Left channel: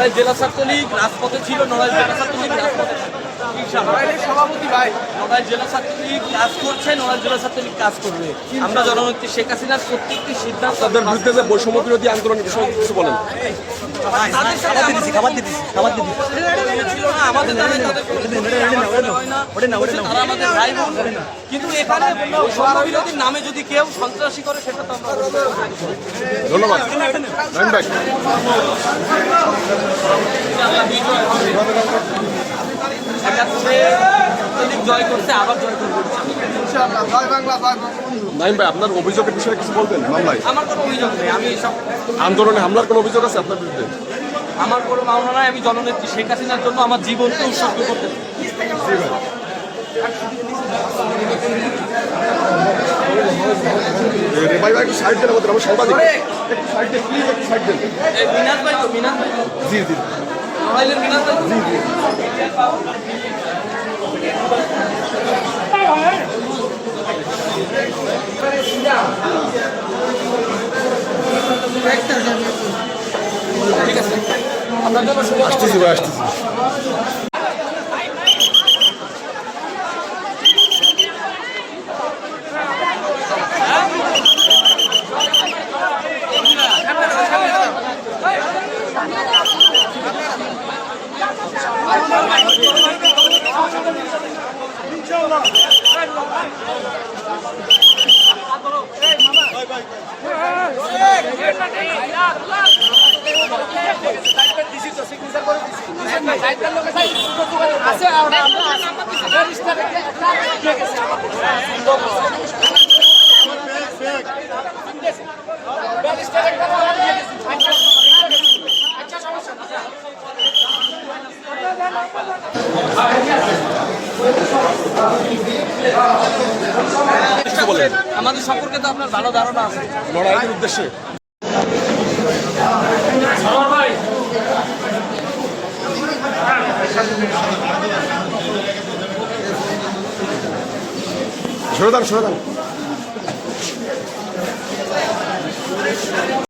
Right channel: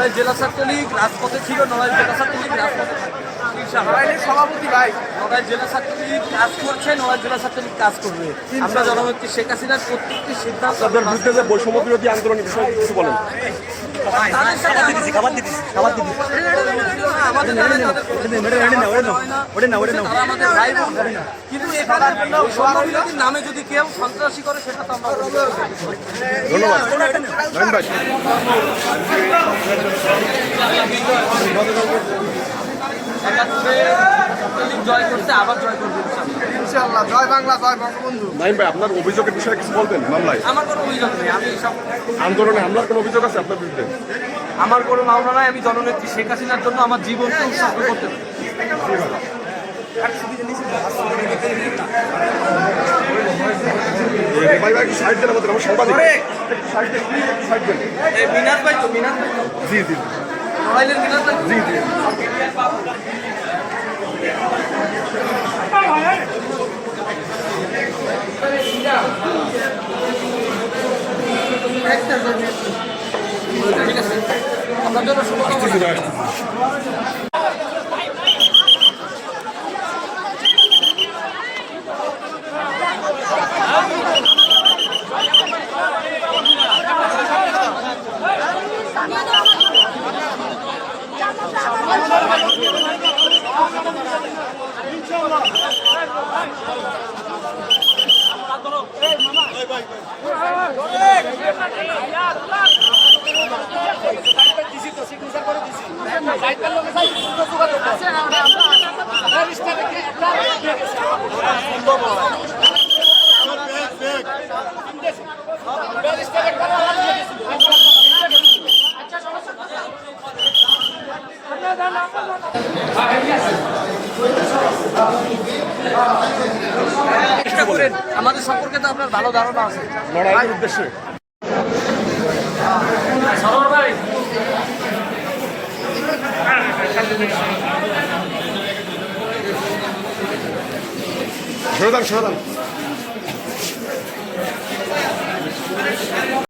নড়াইল জেলা ছাত্রলীগ রাজপথে ছিল, নড়াইল জেলা ছাত্রলীগ রাজপথে থাকবে। সভাপতি ভাই, নড়াইল জেলা ছাত্রলীগ কাজ করছে, নড়াইল জেলা ছাত্রলীগ কাজ করবে। আমরা জননেত্রী শেখ হাসিনার প্রত্যেকটি সিদ্ধান্ত তাদের বিরুদ্ধে যে বৈষম্য বিরোধী আন্দোলনের বিষয়ে কিছু বলেন। তাদের সাথে ছিল না, আমাদের দ্বারাই তাদের কোনো হয় না, তারা আমাদের ভাই বোন। কিন্তু এখানে বৈষম্য বিরোধীর নামে যদি কেউ সন্ত্রাসী করে সেটা তো আমরা ধন্যবাদ নাইম ভাই। জয় করছে, আবার জয় করবে ইনশাআল্লাহ। জয় বাংলা, জয় বঙ্গবন্ধু। নাইম ভাই, আপনার অভিযোগের বিষয়ে কিছু বলবেন মামলায়? আমার কোনো অভিযোগ নেই, আমি সব আন্দোলনে হামলার কোনো অভিযোগ আছে আপনার বিরুদ্ধে? আমার কোনো মামলা নাই, আমি জননেত্রী শেখ হাসিনার জন্য আমার জীবনকে উৎসর্গ করতে চাই। ভাই ভাই একটু সাইড দেন, আমাদের আমার সাংবাদিক একটু সাইড দেন প্লিজ, একটু সাইড দেন। মিনাজ ভাই তো, মিনাজ ভাই তো, জি জি নড়াইলের মিনাজ ভাই। জি জি। ঠিক আছে, আপনার জন্য শুভকামনা। আসতেছি ভাই, আসতেছি। আমাদের সম্পর্কে তো আপনার ভালো ধারণা আছে। লড়াইয়ের উদ্দেশ্যে ভাই সরে দান, সরে দান।